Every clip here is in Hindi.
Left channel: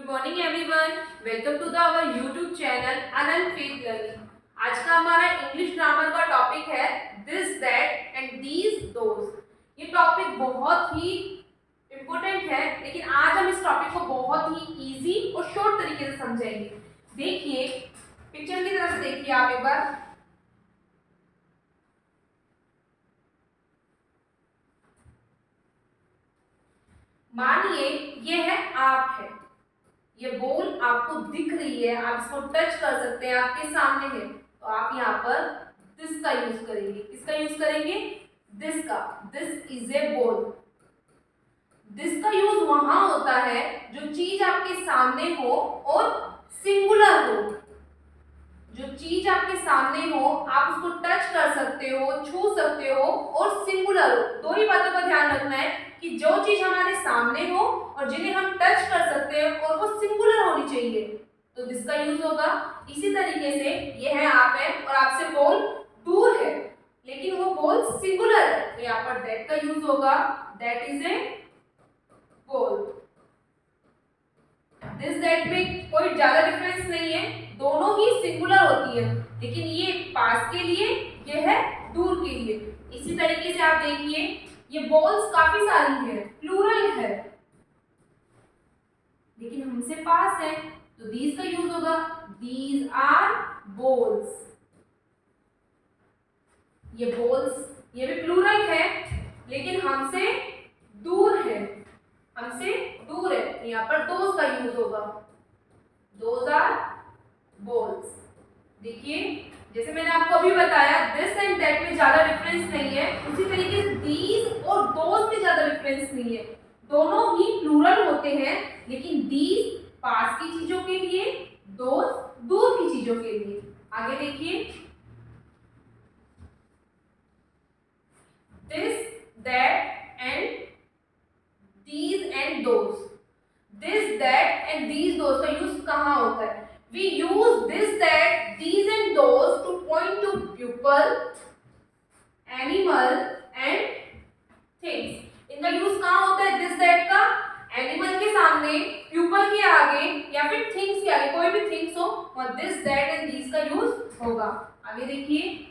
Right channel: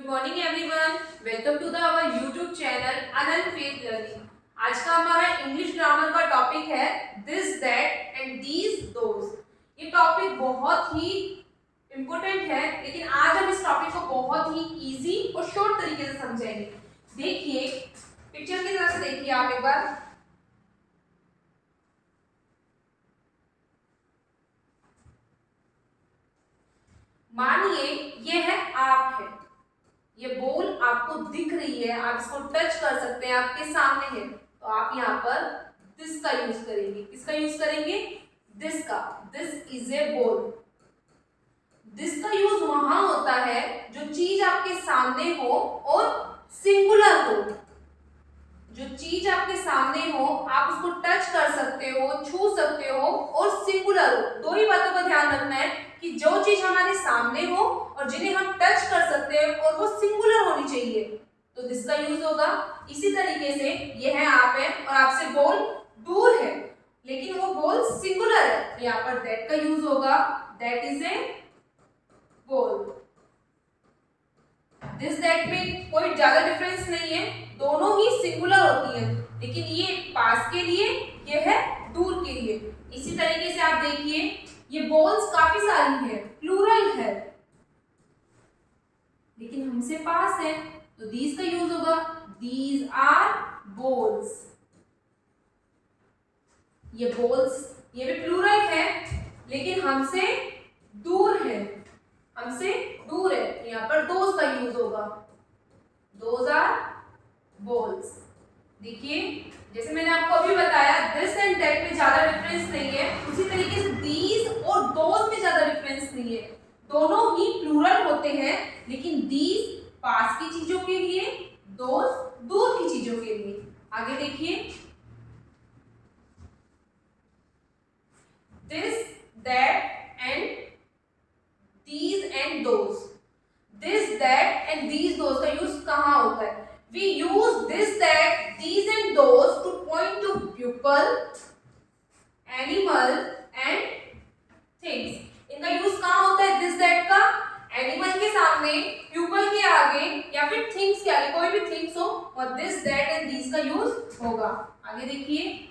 Good morning everyone, welcome to the our YouTube channel Anant faith learning. आज का हमारा इंग्लिश ग्रामर का टॉपिक है this that and these those. ये टॉपिक बहुत ही इम्पोर्टेंट है, लेकिन आज हम इस टॉपिक को बहुत ही इजी और शॉर्ट तरीके से समझेंगे। देखिए, पिक्चर की तरफ से देखिए आप एक बार। मानिए ये है आप है, ये बॉल आपको दिख रही है, आप इसको टच कर सकते हैं, आपके सामने है, तो आप यहाँ पर दिस का यूज करेंगे। किसका यूज करेंगे? दिस का। This is a ball. This का यूज वहां होता है जो चीज आपके सामने हो और सिंगुलर हो। जो चीज आपके सामने हो आप उसको टच कर सकते हो, छू सकते हो और सिंगुलर हो। दो ही बातों का ध्यान रखना है कि जो चीज हमारे सामने हो और जिन्हें हम टच कर सकते हैं और वो सिंगुलर होनी चाहिए, तो दिस का यूज होगा। इसी तरीके से ये है आप है और आपसे बॉल दूर है लेकिन वो बॉल सिंगुलर है, तो यहाँ पर दैट का यूज होगा। That is a ball. This that में कोई ज्यादा डिफरेंस नहीं है, दोनों ही सिंगुलर होती है, लेकिन ये पास के लिए, ये है दूर के लिए। इसी तरीके से आप देखिए, ये बॉल्स काफी सारी हैं, प्लूरल है, लेकिन हमसे पास है, तो दीज का यूज होगा। These are balls. ये बॉल्स, ये भी प्लूरल है लेकिन हमसे दूर है, हमसे दूर है, तो यहाँ पर दोज का यूज होगा। Those are balls. देखिए, जैसे मैंने आपको अभी बताया दिस एंड दैट में ज्यादा डिफरेंस नहीं है, उसी तरीके से दीज और दोज में ज्यादा डिफरेंस नहीं है। दोनों ही प्लूरल होते हैं, लेकिन दीज पास की चीजों के लिए, दोज दूर की चीजों के लिए। आगे देखिए, this that and these and those। this that and these those का यूज कहाँ होता है? we use this that these and those to point to people, animal and things। इनका यूज कहाँ होता है this that का? एनिमल के सामने, pupil के आगे या फिर थिंग्स के आगे, कोई भी थिंग्स हो और this that and these का यूज होगा। आगे देखिए,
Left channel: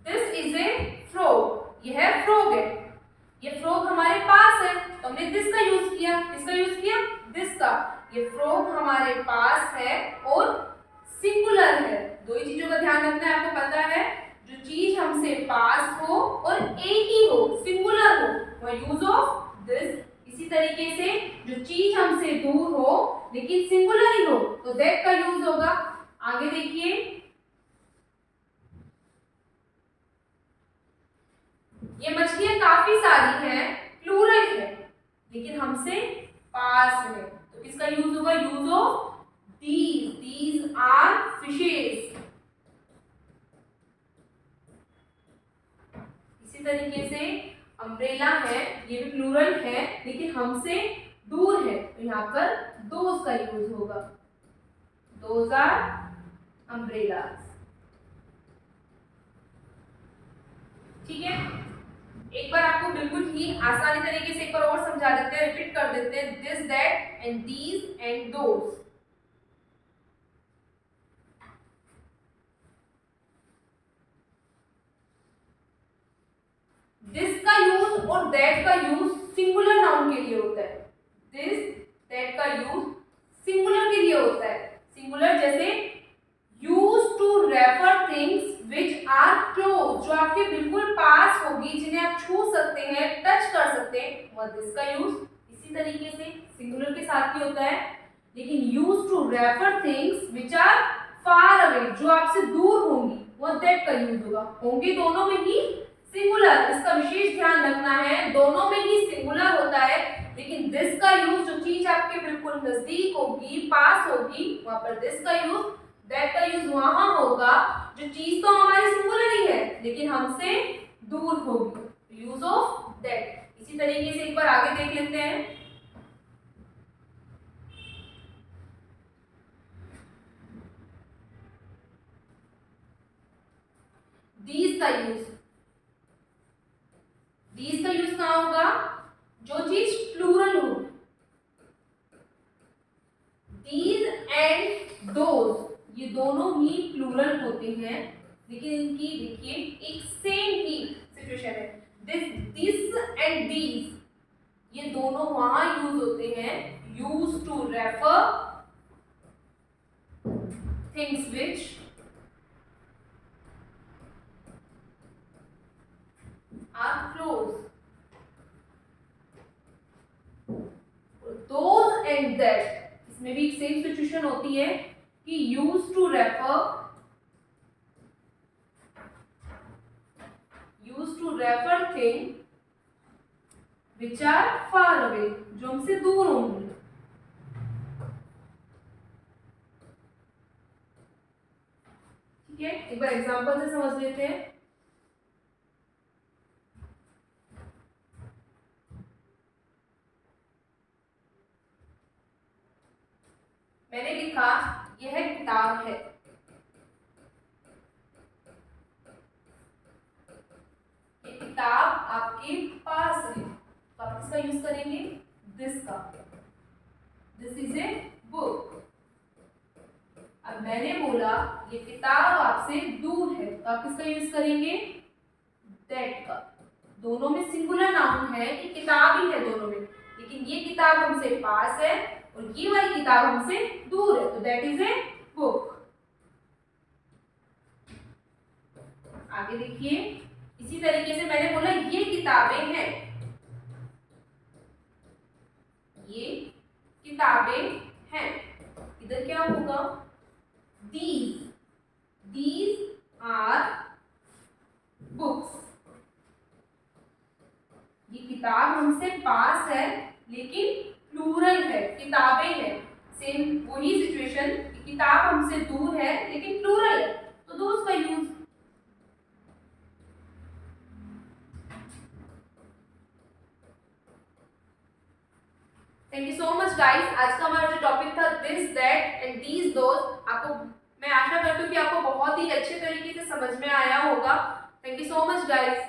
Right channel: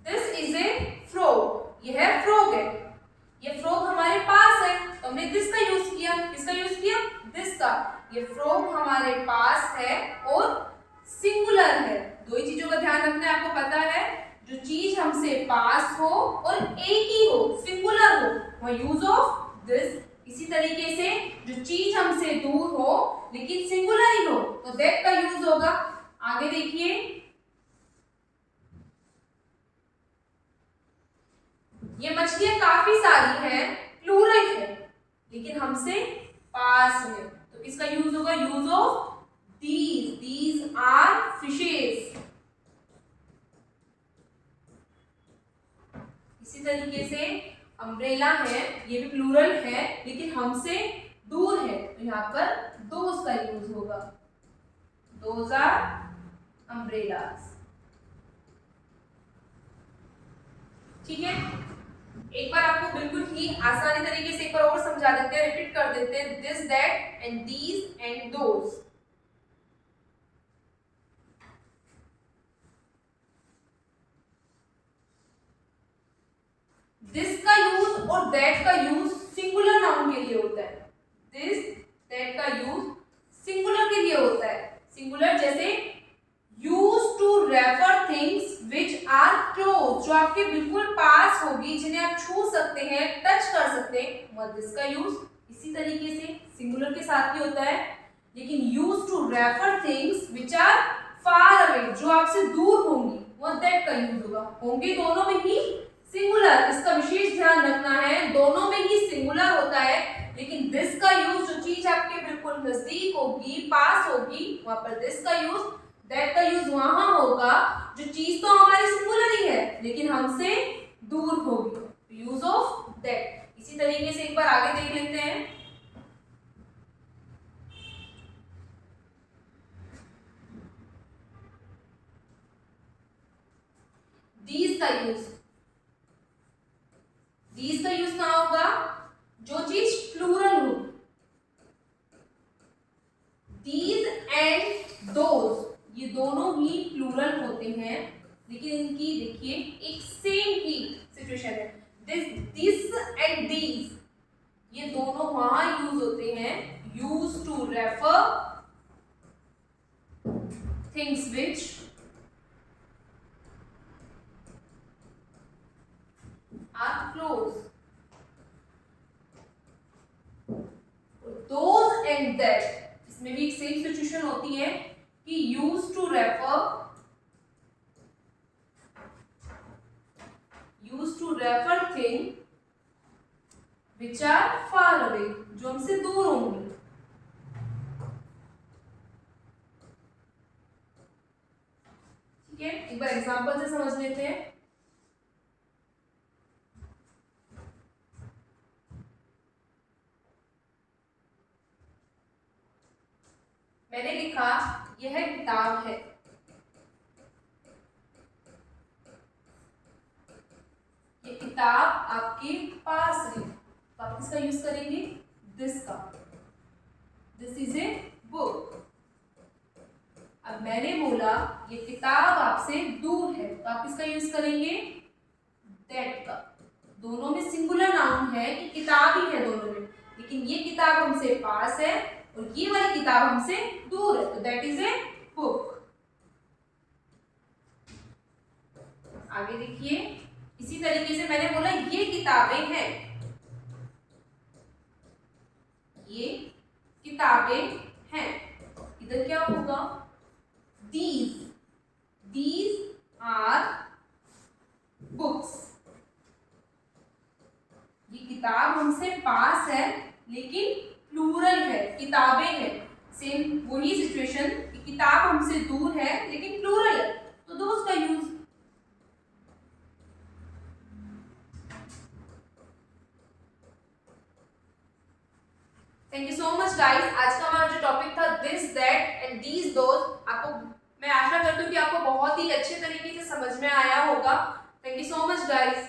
दिस इज ए फ्रॉग। यह फ्रॉग है, ये फ्रॉग हमारे पास है, तो हमने दिस का यूज किया। किसका यूज किया? दिस का। ये फ्रॉग हमारे पास है और सिंगुलर है। दो ही चीजों का ध्यान रखना है, आपको पता है, जो चीज हमसे पास हो और एक ही हो, सिंगुलर हो, वह यूज ऑफ दिस। इसी तरीके से जो चीज हमसे दूर हो लेकिन सिंगुलर ही हो, तो दैट का यूज होगा। आगे देखिए, ये मछलियां काफी सारी हैं, प्लूरल है, लेकिन हमसे पास है, तो किसका यूज होगा? Use of these. These are fishes. इसी तरीके से अम्ब्रेला है, ये भी प्लूरल है लेकिन हमसे दूर है, तो यहाँ पर दोज का यूज होगा। Those are umbrellas. ठीक है, एक बार आपको बिल्कुल ही आसानी तरीके से एक बार और समझा देते हैं, रिपीट कर देते हैं। This that and these and those. This का यूज और दैट का यूज सिंगुलर नाउन के लिए होता है। दिस दैट का यूज सिंगुलर के लिए होता है। सिंगुलर जैसे use to refer things which are close, जो आपके बिल्कुल पास होगी, जिन्हें आप छू सकते हैं, टच कर सकते हैं, वह दिस का यूज इसी तरीके से सिंगुलर के साथ ही होता है। लेकिन use to refer things which are far away, जो आपसे दूर होंगी, वह दैट का यूज होगा। होंगे दोनों में ही सिंगुलर, इसका विशेष ध्यान रखना है, दोनों में ही सिंगुलर होता है, लेकिन दिस का यूज जो चीज आपके बिल्कुल नजदीक होगी, पास होगी, वहां पर दिस का यूज। दैट का यूज वहां होगा जो चीज तो हमारी सिंगुलर ही है लेकिन हमसे दूर होगी, यूज ऑफ दैट। इसी तरीके से एक बार आगे देख लेते हैं। दीज का यूज। दीज का यूज कहाँ होगा, जो चीज प्लूरल हो, दीज एंड दोज ये दोनों ही प्लूरल होते हैं, लेकिन इनकी देखिए एक सेम ही सिचुएशन है। दिस एंड दीज ये दोनों वहां यूज होते हैं, use to refer things which are close. Those and that इसमें भी एक सेम सिचुएशन होती है कि use to refer thing which are far away जो हमसे दूर होंगी। ठीक है, एक बार एग्जांपल से समझ लेते हैं। मैंने लिखा यह किताब है, ये किताब आपके पास है, तो आप किसका यूज करेंगे, दिस का, दिस इज ए बुक। अब मैंने बोला ये किताब आपसे दूर है, तो आप किसका यूज करेंगे, दैट का। दोनों में सिंगुलर नाउन है कि किताब ही है दोनों में, लेकिन ये किताब हमसे पास है और ये वाली किताब हमसे दूर है, तो दैट इज ए बुक। आगे देखिए, इसी तरीके से मैंने बोला ये किताबें हैं, ये किताबें हैं, इधर क्या होगा, these are books। ये किताब हमसे पास है लेकिन प्लूरल है, किताबें हैं, सेम वही सिचुएशन, किताब हमसे दूर है लेकिन प्लूरल है, तो दोज का use. Thank you so much guys. आज का हमारा जो टॉपिक था this that and these those, आपको मैं आशा करती हूँ कि आपको बहुत ही अच्छे तरीके से समझ में आया होगा। Thank you so much guys.